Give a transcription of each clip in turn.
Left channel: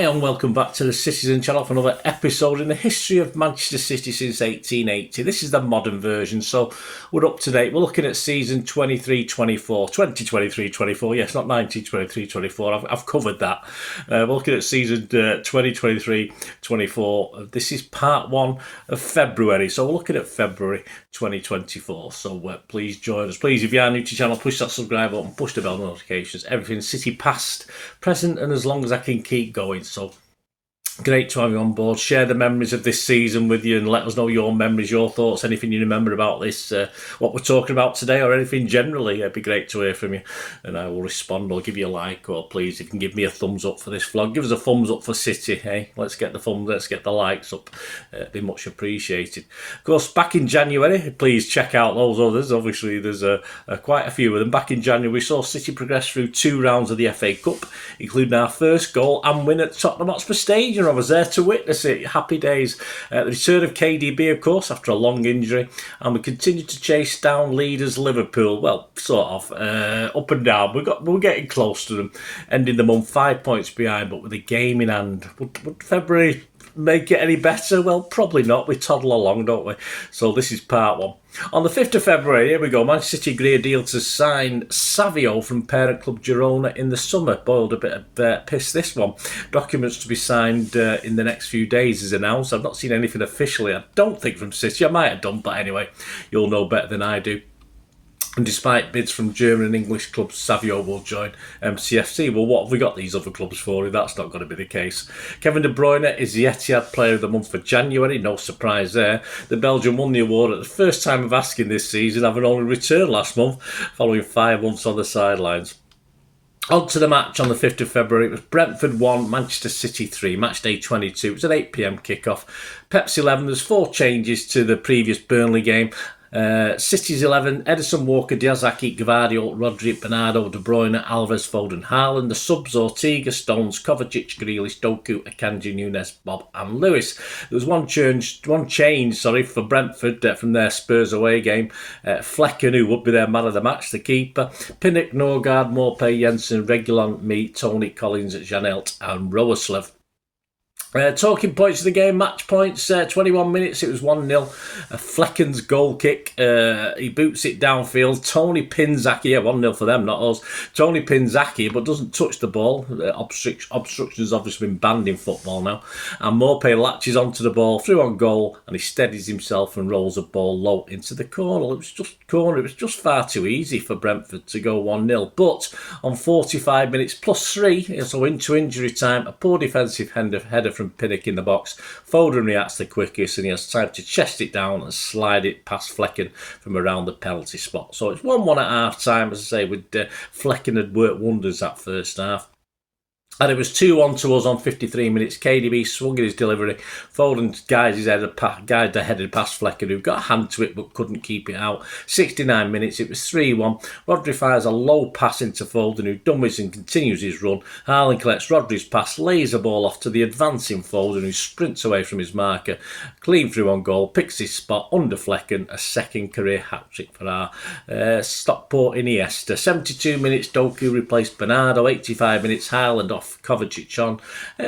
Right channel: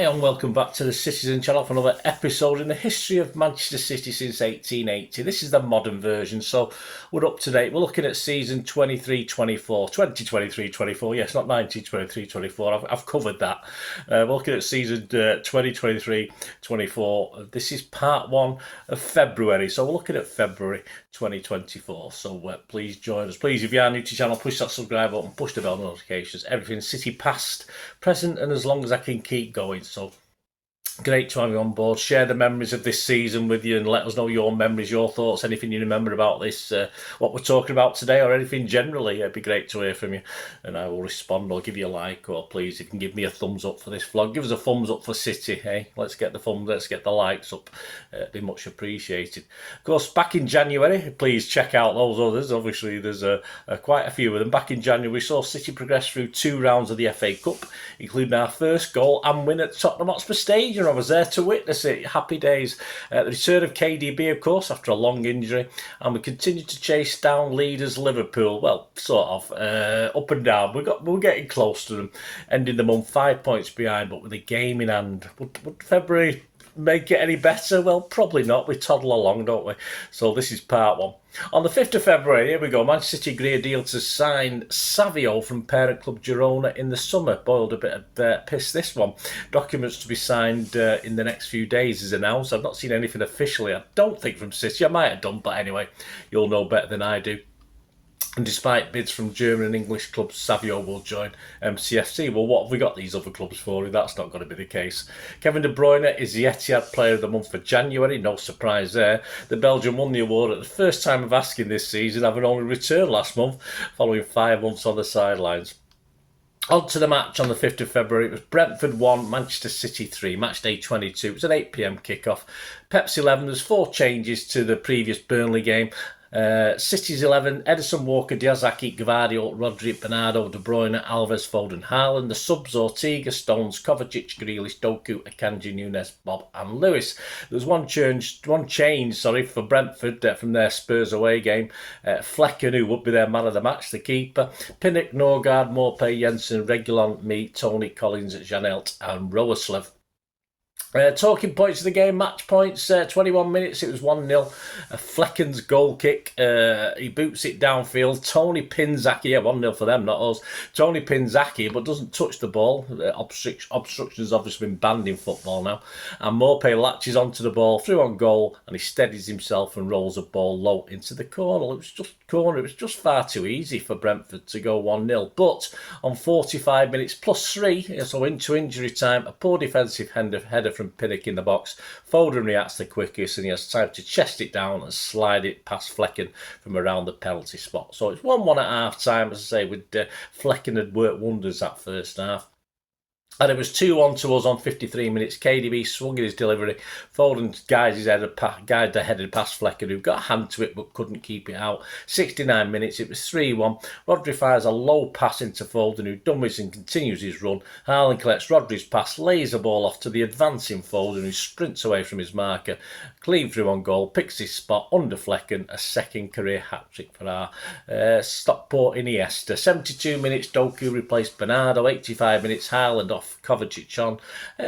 Hi and welcome back to the Citizen channel for another episode in the history of Manchester City since 1880. This is the modern version, so we're up to date. We're looking at season 23-24, 2023-24, yes, not 1923-24, I've covered that. We're looking at season 2023-24. This is part 1 of February, so we're looking at February 2024. So please join us. Please, if you are new to the channel, push that subscribe button, push the bell notifications, everything City past, present, and as long as I can keep going. So great to have you on board. Share the memories of this season with you and let us know your memories, your thoughts, anything you remember about this, what we're talking about today, or anything generally. It'd be great to hear from you, and I will respond or give you a like, or please, if you can give me a thumbs up for this vlog, give us a thumbs up for City. Hey, let's get the thumbs, let's get the likes up. It'd be much appreciated. Of course, back in January, please check out those others. Obviously, there's quite a few of them. Back in January, we saw City progress through 2 rounds of the FA Cup, including our first goal and win at Tottenham Hotspur Stadium. I was there to witness it. Happy days. The return of KDB, of course, after a long injury, and we continued to chase down leaders Liverpool. Well, sort of up and down. We're getting close to them, ending the month 5 points behind, but with a game in hand. Would February make it any better? Well, probably not. We toddle along, don't we? So this is part 1. On the 5th of February, here we go, Manchester City agree a deal to sign Savio from parent club Girona in the summer. Boiled a bit of piss, this one. Documents to be signed in the next few days is announced. I've not seen anything officially, I don't think, from City. I might have done, but anyway, you'll know better than I do. And despite bids from German and English clubs, Savio will join MCFC. Well, what have we got these other clubs for if that's not going to be the case? Kevin De Bruyne is the Etihad Player of the Month for January. No surprise there. The Belgian won the award at the first time of asking this season, having only returned last month, following 5 months on the sidelines. On to the match on the 5th of February. It was Brentford 1, Manchester City 3, match day 22. It was an 8 p.m. kickoff. Pep's 11, there's 4 changes to the previous Burnley game. City's 11, Edison, Walker, Diazaki, Gvardiol, Rodri, Bernardo, De Bruyne, Alvarez, Foden, Haaland. The subs: Ortega, Stones, Kovacic, Grealish, Doku, Akanji, Nunes, Bob and Lewis. There was one change for Brentford from their Spurs away game. Flecken, who would be their man of the match, the keeper. Pinnock, Norgard, Morpay, Jensen, Regulon, Me, Tony, Collins, Janelt and Roerslev. Talking points of the game, match points, 21 minutes, it was 1-0. Flecken's goal kick, he boots it downfield. Tony Pinzaki, 1-0 for them, not us. Tony Pinzaki, but doesn't touch the ball. Obstruction's obviously been banned in football now. And Morpay latches onto the ball, through on goal, and he steadies himself and rolls the ball low into the corner. It was just far too easy for Brentford to go 1-0. But on 45 minutes plus 3, so into injury time, a poor defensive header from Pinnock in the box. Foden reacts the quickest, and he has time to chest it down and slide it past Flecken from around the penalty spot. So it's 1-1 at half time, as I say, with Flecken had worked wonders that first half. And it was 2-1 to us on 53 minutes. KDB swung in his delivery. Foden guided the headed past Flecken, who got a hand to it but couldn't keep it out. 69 minutes, it was 3-1. Rodri fires a low pass into Foden, who dummies and continues his run. Haaland collects Rodri's pass, lays the ball off to the advancing Foden, who sprints away from his marker. Clean through on goal, picks his spot under Flecken. A second career hat-trick for our Stockport Iniesta. 72 minutes, Doku replaced Bernardo. 85 minutes, Haaland off Kovacic on.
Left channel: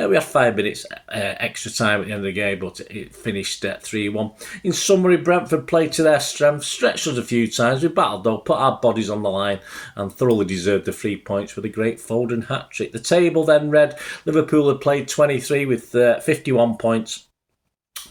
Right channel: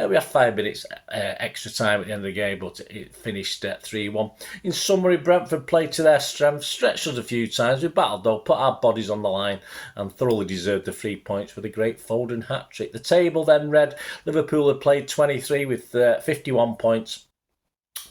We had 5 minutes extra time at the end of the game, but it finished at 3-1. In summary, Brentford played to their strength, stretched us a few times. We battled though, put our bodies on the line, and thoroughly deserved the 3 points with a great Foden hat-trick. The table then read: Liverpool had played 23 with 51 points.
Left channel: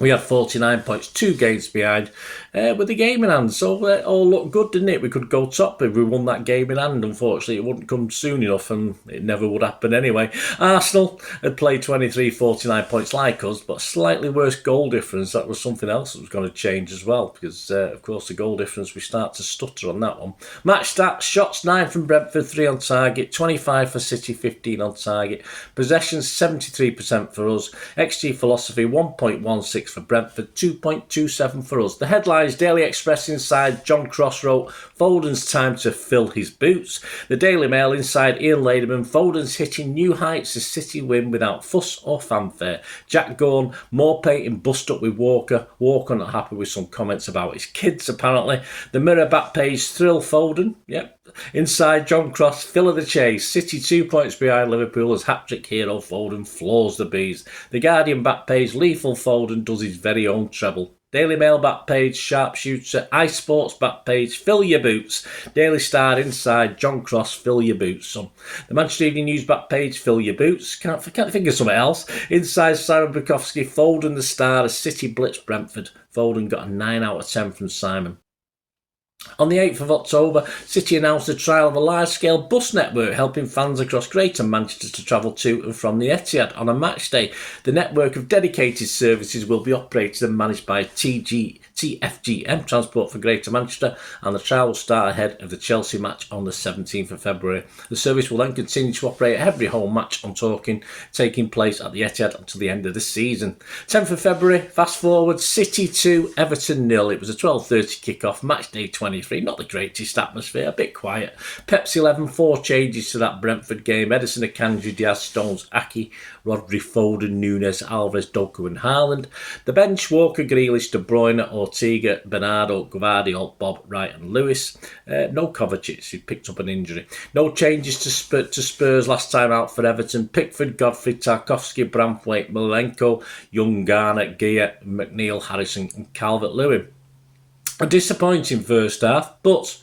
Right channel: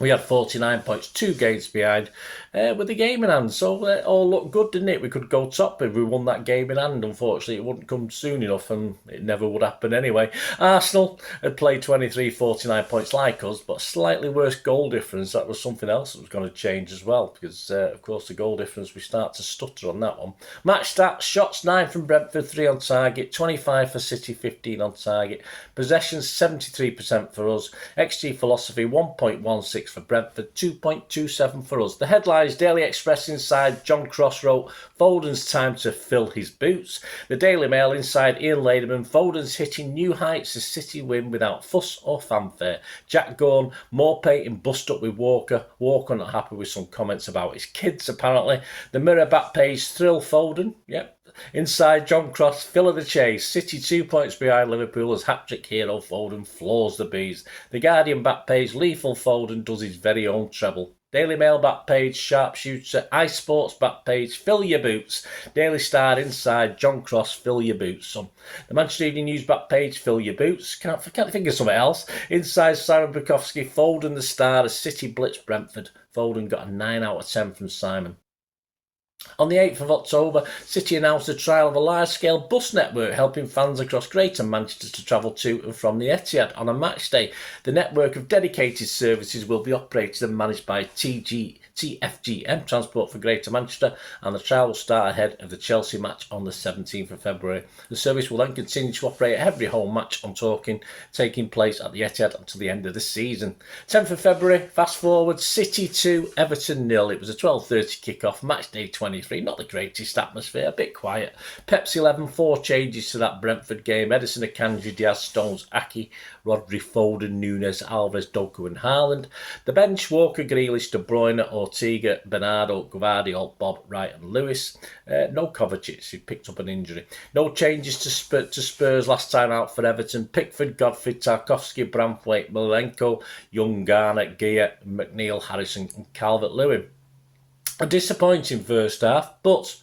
We had 49 points, 2 games behind, with the game in hand. So it all looked good, didn't it? We could go top if we won that game in hand. Unfortunately, it wouldn't come soon enough, and it never would happen anyway. Arsenal had played 23, 49 points like us, but slightly worse goal difference. That was something else that was going to change as well, because, of course, the goal difference, we start to stutter on that one. Match stats: shots 9 from Brentford, 3 on target, 25 for City, 15 on target. Possessions 73% for us. XG philosophy 1.16 for Brentford, 2.27 for us. The headlines: Daily Express inside, John Cross wrote, Foden's time to fill his boots. The Daily Mail inside, Ian Laderman, Foden's hitting new heights as City win without fuss or fanfare. Jack Gorn, Morpay in bust up with Walker. Walker not happy with some comments about his kids apparently. The Mirror back page, thrill Foden. Yep. inside John Cross, fill of the chase. City 2 points behind Liverpool as hat-trick hero Foden floors the bees. The Guardian back page, lethal Foden does his very own treble. Daily Mail back page, sharpshooter. iSports back page, fill your boots. Daily Star inside, John Cross, fill your boots, son. The Manchester Evening News back page, fill your boots. Can't think of something else. Inside, Simon Bukowski, Foden the star as City blitz Brentford. Foden got a 9 out of 10 from Simon. On the 8th of October, City announced the trial of a large-scale bus network helping fans across Creighton, Manchester to travel to and from the Etihad on a match day. The network of dedicated services will be operated and managed by TFGM Transport for Greater Manchester, and the trial will start ahead of the Chelsea match on the 17th of February. The service will then continue to operate every home match taking place at the Etihad until the end of the season. 10th of February, fast forward, City 2, Everton 0. It was a 12:30 kick-off, match day 23. Not the greatest atmosphere, a bit quiet. Pepsi 11, 4 changes to that Brentford game. Edison, Akanji, Diaz, Stones, Aki, Rodri, Foden, Nunes, Alvarez, Doku and Haaland. The bench, Walker, Grealish, De Bruyne, Ortega, Bernardo, Gvardiol, Bob, Wright and Lewis. No Kovacic, who picked up an injury. No changes to Spurs last time out for Everton. Pickford, Godfrey, Tarkowski, Braithwaite, Milenko, Young, Garner, Gear, McNeil, Harrison and Calvert-Lewin. A disappointing first half, but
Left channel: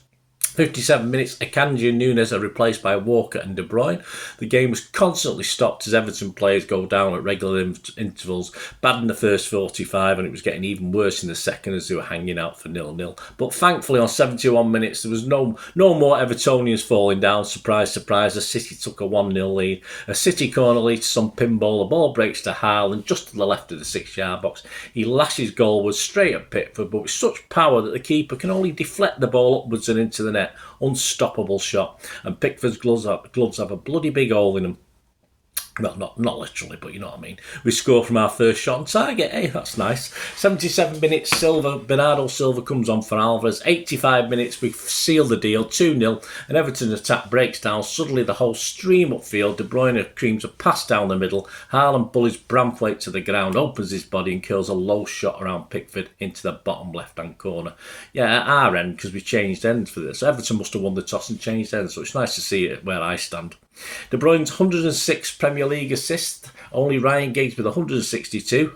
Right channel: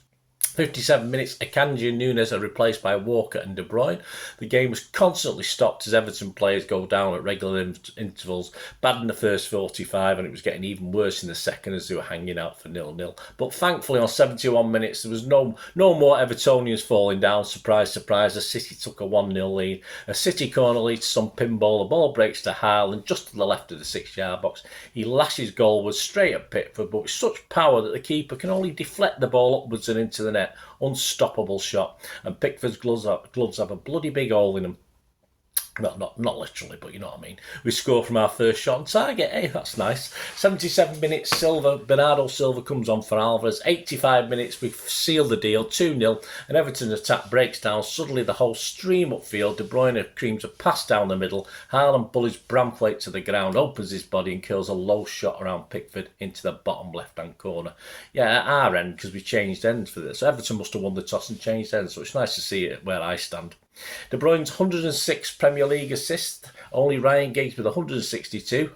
57 minutes, Akanji and Nunes are replaced by Walker and De Bruyne. The game was constantly stopped as Everton players go down at regular intervals. Bad in the first 45 and it was getting even worse in the second as they were hanging out for 0-0. But thankfully on 71 minutes there was no more Evertonians falling down. Surprise, surprise, as City took a 1-0 lead. A City corner leads to some pinball. The ball breaks to Haaland just to the left of the 6-yard box. He lashes goalwards straight at Pickford, but with such power that the keeper can only deflect the ball upwards and into the net. Unstoppable shot, and Pickford's gloves have a bloody big hole in them. Well, not literally, but you know what I mean. We score from our first shot on target. Hey, that's nice. 77 minutes, Bernardo Silva comes on for Alvarez. 85 minutes, we seal the deal, 2-0. An Everton attack breaks down. Suddenly the whole stream upfield. De Bruyne creams a pass down the middle. Haaland bullies Braithwaite to the ground, opens his body and kills a low shot around Pickford into the bottom left-hand corner. Yeah, at our end, because we changed ends for this. So Everton must have won the toss and changed ends, so it's nice to see it where I stand. De Bruyne's 106 Premier League assists, only Ryan Giggs with 162,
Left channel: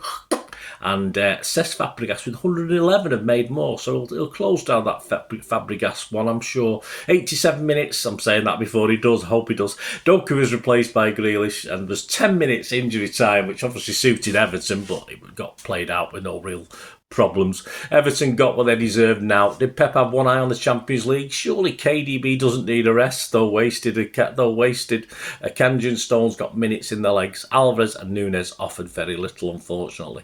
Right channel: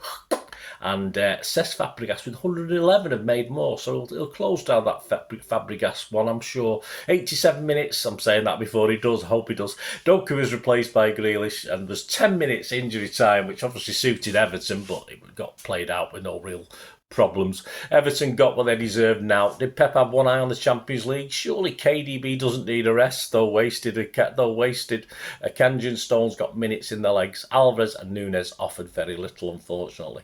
and Cesc Fabregas with 111 have made more, so he'll close down that Fabregas one, I'm sure. 87 minutes, I'm saying that before he does, I hope he does. Doku was replaced by Grealish, and there's 10 minutes injury time, which obviously suited Everton, but it got played out with no real problems. Everton got what they deserved now. Did Pep have one eye on the Champions League? Surely KDB doesn't need a rest, though wasted. Akanji and Stones got minutes in their legs. Alvarez and Nunes offered very little, unfortunately.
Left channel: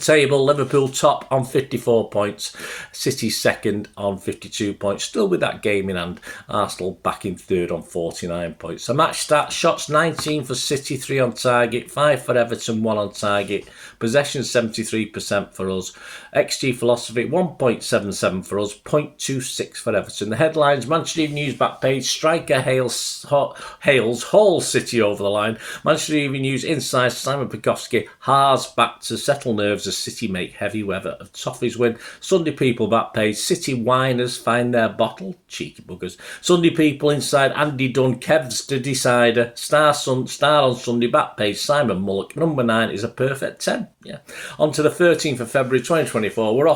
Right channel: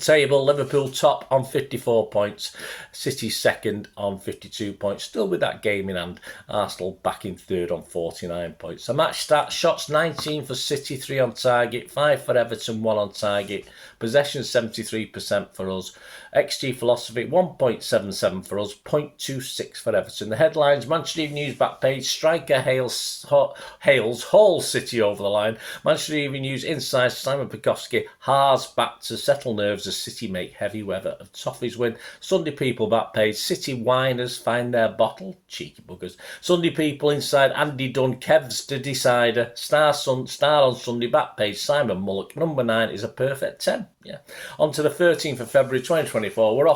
Table, Liverpool top on 54 points, City second on 52 points, still with that game in hand. Arsenal back in third on 49 points. So match stats, shots 19 for City, 3 on target, 5 for Everton, 1 on target. Possession 73% for us. XG philosophy 1.77 for us, 0.26 for Everton. The headlines, Manchester Evening News back page, striker hails Hull City over the line. Manchester Evening News inside, Simon Bukowski, Haas back to settle nerves as City make heavy weather of Toffees win. Sunday People back page, City whiners find their bottle, cheeky buggers. Sunday People inside, Andy Dunn, Kev's the decider. Star on Sunday back page, Simon Mullock, number 9 is a perfect 10. Yeah. On to the 13th of February 2024. We're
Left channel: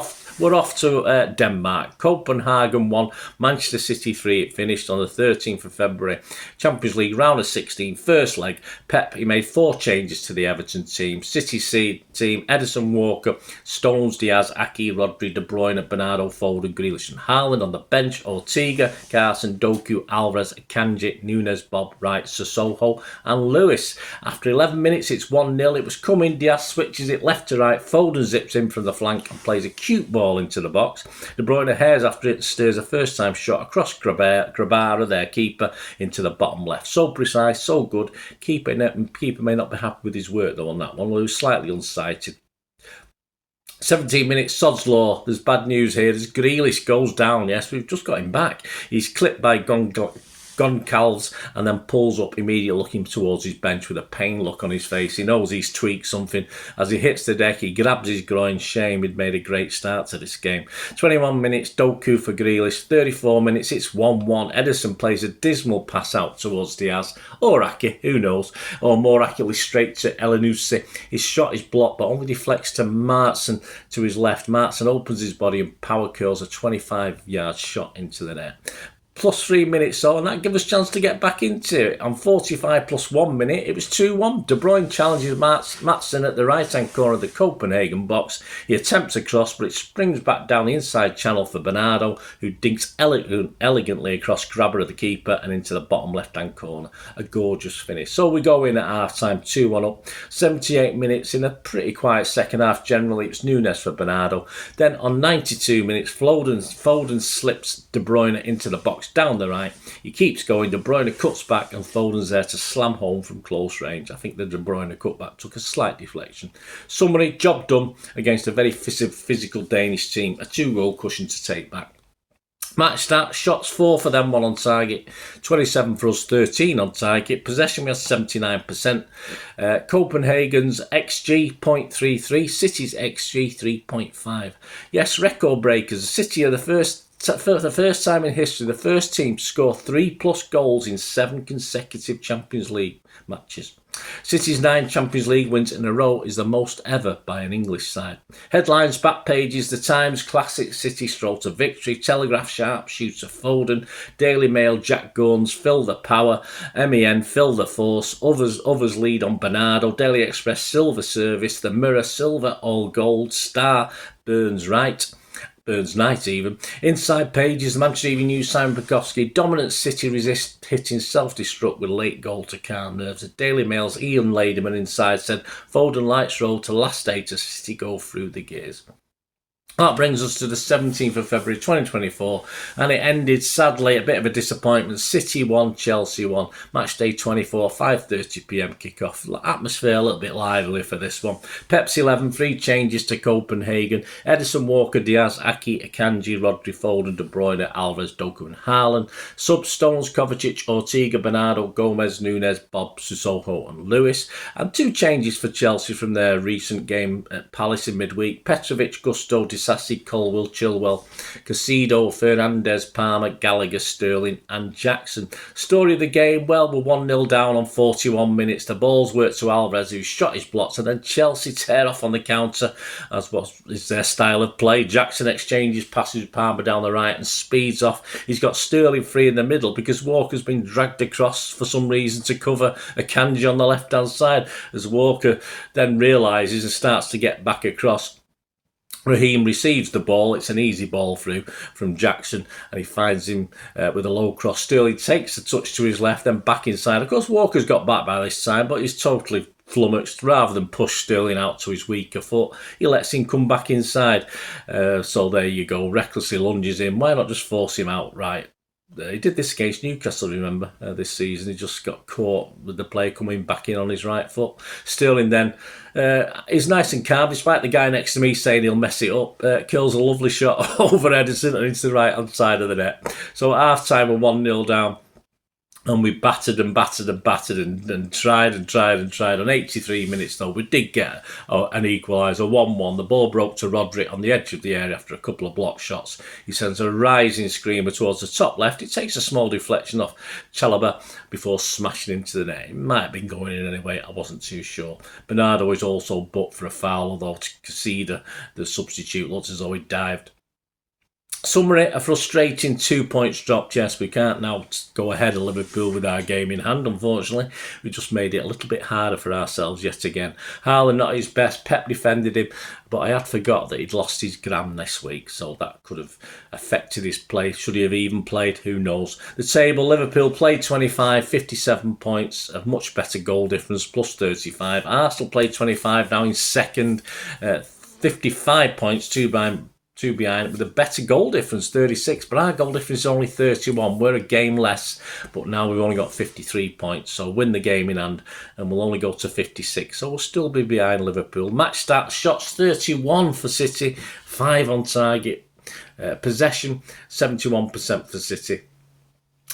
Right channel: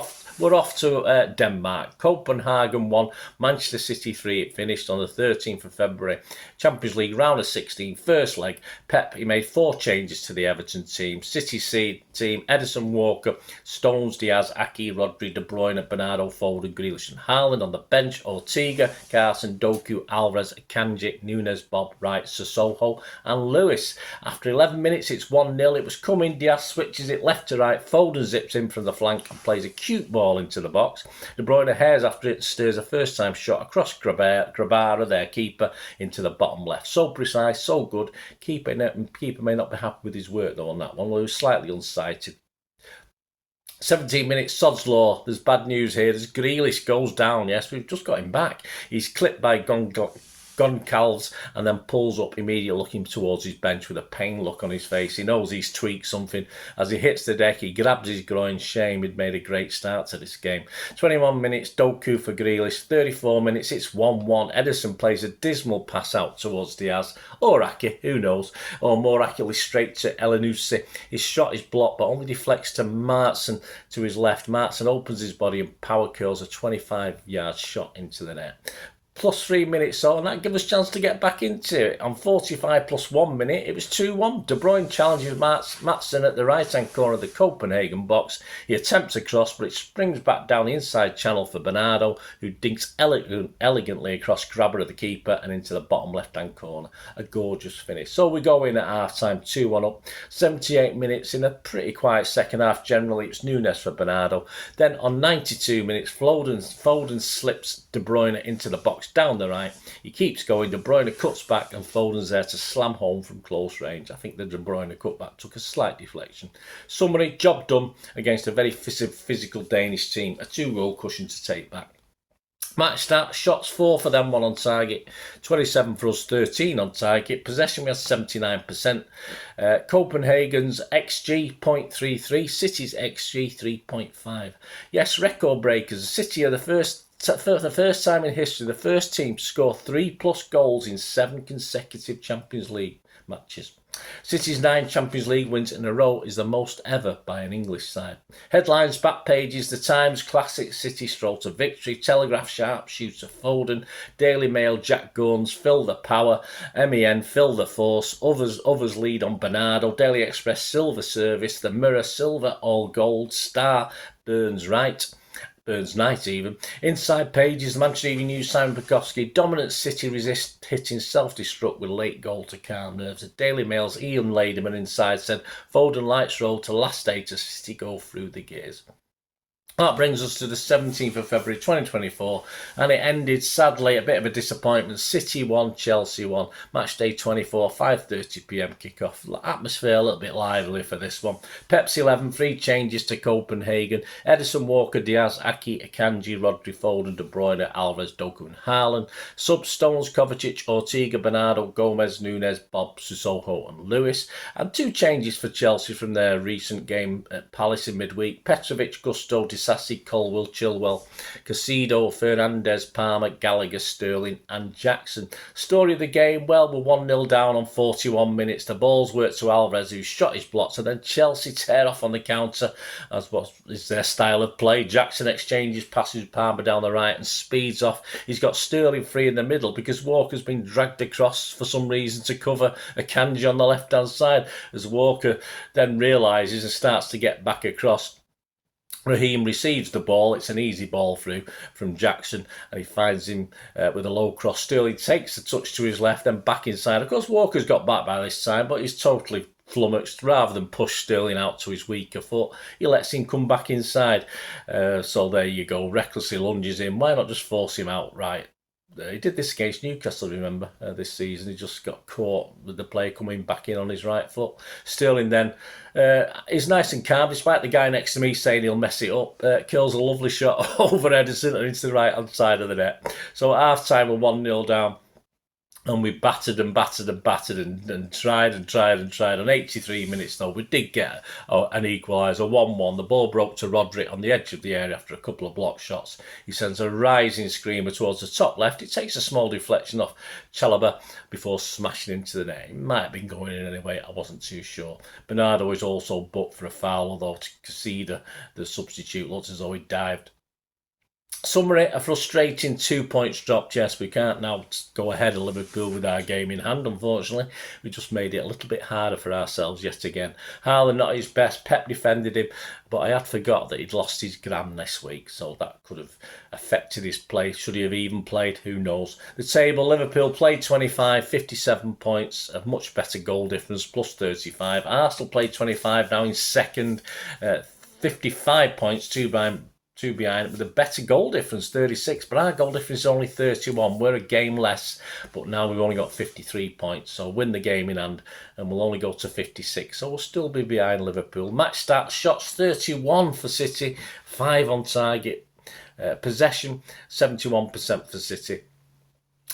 off to Denmark. Copenhagen 1, Manchester City 3. It finished on the 13th of February. Champions League round of 16, first leg. Pep, he made 4 changes to the Everton team. City team, Edison, Walker, Stones, Diaz, Aki, Rodri, De Bruyne, Bernardo, Foden, Grealish and Haaland. On the bench, Ortega, Carson, Doku, Alvarez, Akanji, Nunes, Bob, Wright, Sissoko and Lewis. After 11 minutes, it's 1-0. It was coming. Diaz switches it left to right. Foden zips in from the flank and plays a cute ball into the box. De Bruyne hairs after it, steers a first-time shot across Grabara, their keeper, into the bottom left. So precise, so good. Keeper may not be happy with his work though on that one. He was slightly unsighted. 17 minutes, Sod's Law. There's bad news here. Grealish goes down. Yes, we've just got him back. He's clipped by Goncalves, and then pulls up immediately looking towards his bench with a pain look on his face. He knows he's tweaked something. As he hits the deck, he grabs his groin. Shame, he'd made a great start to this game. 21 minutes, Doku for Grealish. 34 minutes, it's 1-1. Ederson plays a dismal pass out towards Diaz, or Aki, who knows, or more accurately straight to Elyounoussi. His shot is blocked but only deflects to Martson to his left. Martson opens his body and power curls a 25-yard shot into the net. Plus 3 minutes on, and that gives us a chance to get back into it. On 45 plus 1 minute, it was 2-1. De Bruyne challenges Maatsen at the right-hand corner of the Copenhagen box. He attempts a cross, but it springs back down the inside channel for Bernardo, who dinks elegantly across grabber of the keeper and into the bottom left-hand corner. A gorgeous finish. So we go in at half-time, 2-1 up. 78 minutes in a pretty quiet second half. Generally, it was Nunes for Bernardo. Then on 92 minutes, Foden slips De Bruyne into the box down the right. He keeps going. De Bruyne cuts back and Foden's there to slam home from close range. I think the De Bruyne cutback took a slight deflection. Summary, job done against a very physical Danish team. A 2-goal cushion to take back. Match start, shots 4 for them, 1 on target. 27 for us, 13 on target. Possession, we had 79%. Copenhagen's XG 0.33, City's XG 3.5. Yes, record breakers. City are for the first time in history, the first team to score 3+ goals in 7 consecutive Champions League matches. City's 9 Champions League wins in a row is the most ever by an English side. Headlines, back pages, The Times, classic City stroll to victory, Telegraph, sharp shoots of Foden, Daily Mail, Jack Guns, fill the power, MEN, fill the force, others lead on Bernardo, Daily Express, silver service, The Mirror, silver, all gold, Star, Burns Night even. Inside pages, the Manchester Evening News, Simon Bukowski, dominant City resist hitting self-destruct with late goal to calm nerves. The Daily Mail's Ian Ladyman inside said, Foden lights road to last day to City go through the gears. That brings us to the 17th of February 2024, and it ended sadly a bit of a disappointment. City 1, Chelsea 1. Match day 24, 5:30pm kickoff. Atmosphere a little bit lively for this one. Pep's 11, 3 changes to Copenhagen. Ederson, Walker, Diaz, Aki, Akanji, Rodri, Foden, De Bruyne, Alvarez, Doku and Haaland. Sub Stones, Kovacic, Ortega, Bernardo, Gomez, Nunes, Bob, Sissoko and Lewis. And 2 changes for Chelsea from their recent game at Palace in midweek. Petrovic, Gusto, Disasi, Colwell, Chilwell, Casido, Fernandez, Palmer, Gallagher, Sterling and Jackson. Story of the game, well, we're 1-0 down on 41 minutes. The balls worked to Alvarez, who shot his blocks, and then Chelsea tear off on the counter, as what is their style of play. Jackson exchanges passes with Palmer down the right and speeds off. He's got Sterling free in the middle because Walker's been dragged across for some reason to cover Akanji on the left-hand side. As Walker then realises and starts to get back across, Raheem receives the ball. It's an easy ball through from Jackson, and he finds him with a low cross. Sterling takes a touch to his left, then back inside. Of course, Walker's got back by this time, but he's totally flummoxed. Rather than push Sterling out to his weaker foot, he lets him come back inside. So there you go. Recklessly lunges in. Why not just force him out right? He did this against Newcastle, remember, this season. He just got caught with the player coming back in on his right foot. Sterling then is nice and calm, despite the guy next to me saying he'll mess it up. Kills a lovely shot over Ederson and into the right-hand side of the net. So at half-time, we're 1-0 down. And we battered and tried. On 83 minutes, though, we did get an equaliser, 1-1. The ball broke to Rodri on the edge of the area after a couple of block shots. He sends a rising screamer towards the top left. It takes a small deflection off Chalobah before smashing into the net. It might have been going in anyway, I wasn't too sure. Bernardo is also booked for a foul, although Casida, the substitute, looks as though he dived. Summary, a frustrating 2 points dropped. Yes, we can't now go ahead of Liverpool with our game in hand, unfortunately. We just made it a little bit harder for ourselves yet again. Haaland not his best. Pep defended him, but I had forgot that he'd lost his gram this week, so that could have affected his play. Should he have even played? Who knows? The table, Liverpool played 25, 57 points, a much better goal difference, plus 35. Arsenal played 25, now in second, 55 points, two behind with a better goal difference, 36, but our goal difference is only 31. We're a game less, but now we've only got 53 points, so win the game in hand and we'll only go to 56, so we'll still be behind Liverpool. Match stats, shots 31 for City, 5 on target. Possession 71% for City.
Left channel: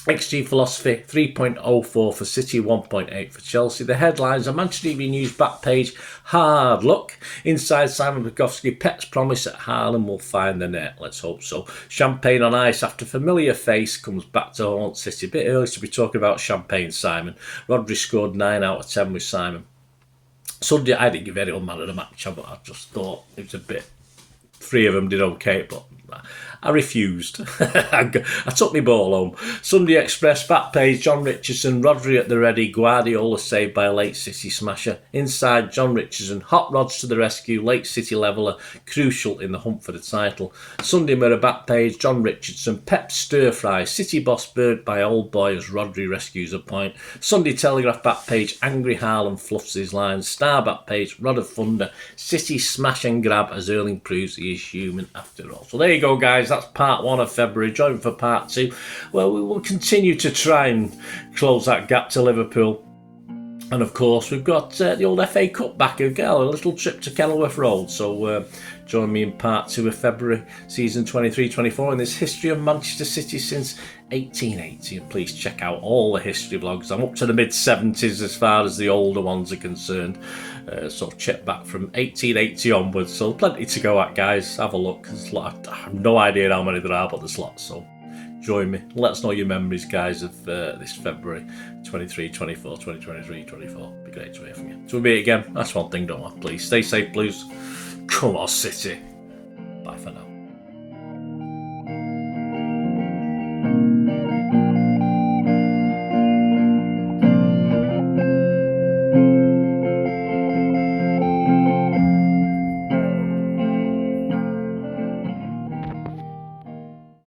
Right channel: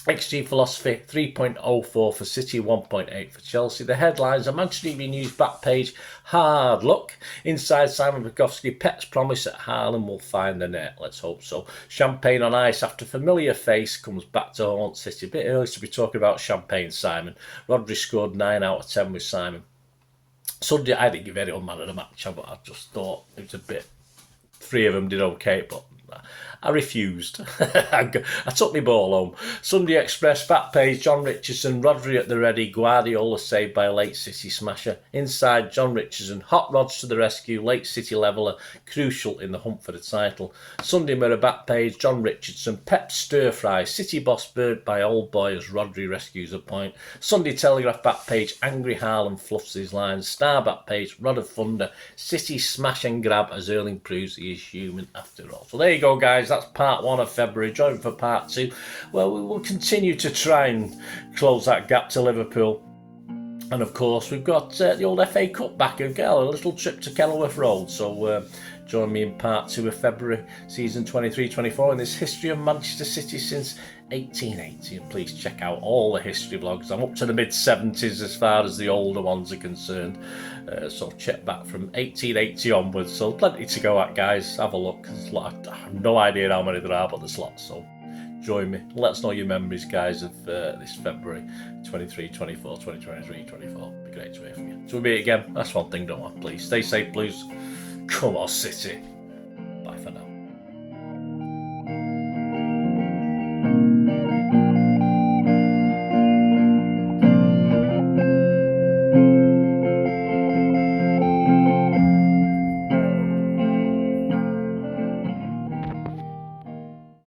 XG philosophy 3.04 for City, 1.8 for Chelsea. The headlines are Manchester Evening News back page, hard luck. Inside Simon Bukowski, Pet's promise at Haaland will find the net. Let's hope so. Champagne on ice after familiar face comes back to haunt City. A bit early to be talking about champagne, Simon. Rodri scored 9 out of 10 with Simon. Sunday, I didn't give anyone man of the match, but I just thought it was a bit. 3 of them did okay, but I refused. I took my ball home. Sunday Express, back page, John Richardson, Rodri at the ready, Guardiola saved by a late City smasher. Inside, John Richardson, hot rods to the rescue, late City leveller, crucial in the hunt for the title. Sunday Mirror, back page, John Richardson, Pep stir fry, City boss bird by old boy as Rodri rescues a point. Sunday Telegraph, back page, angry Haaland fluffs his lines. Star, back page, Rod of Thunder, City smash and grab as Erling proves he is human after all. So there you go, guys. That's part 1 of February. Join for part 2. Well, we will continue to try and close that gap to Liverpool. And of course, we've got the old FA Cup back again, a little trip to Kenilworth Road. So join me in part 2 of February, season 23-24, in this history of Manchester City since 1880. And please check out all the history vlogs. I'm up to the mid-70s as far as the older ones are concerned. So check back from 1880 onwards. So plenty to go at, guys. Have a look. There's a lot. I have no idea how many there are, but there's lots. So join me. Let us know your memories, guys, of this February 23, 24, 2023, 24. It'd be great to hear from you. So we'll meet again. That's one thing, don't I? Please stay safe, Blues. Come on, City.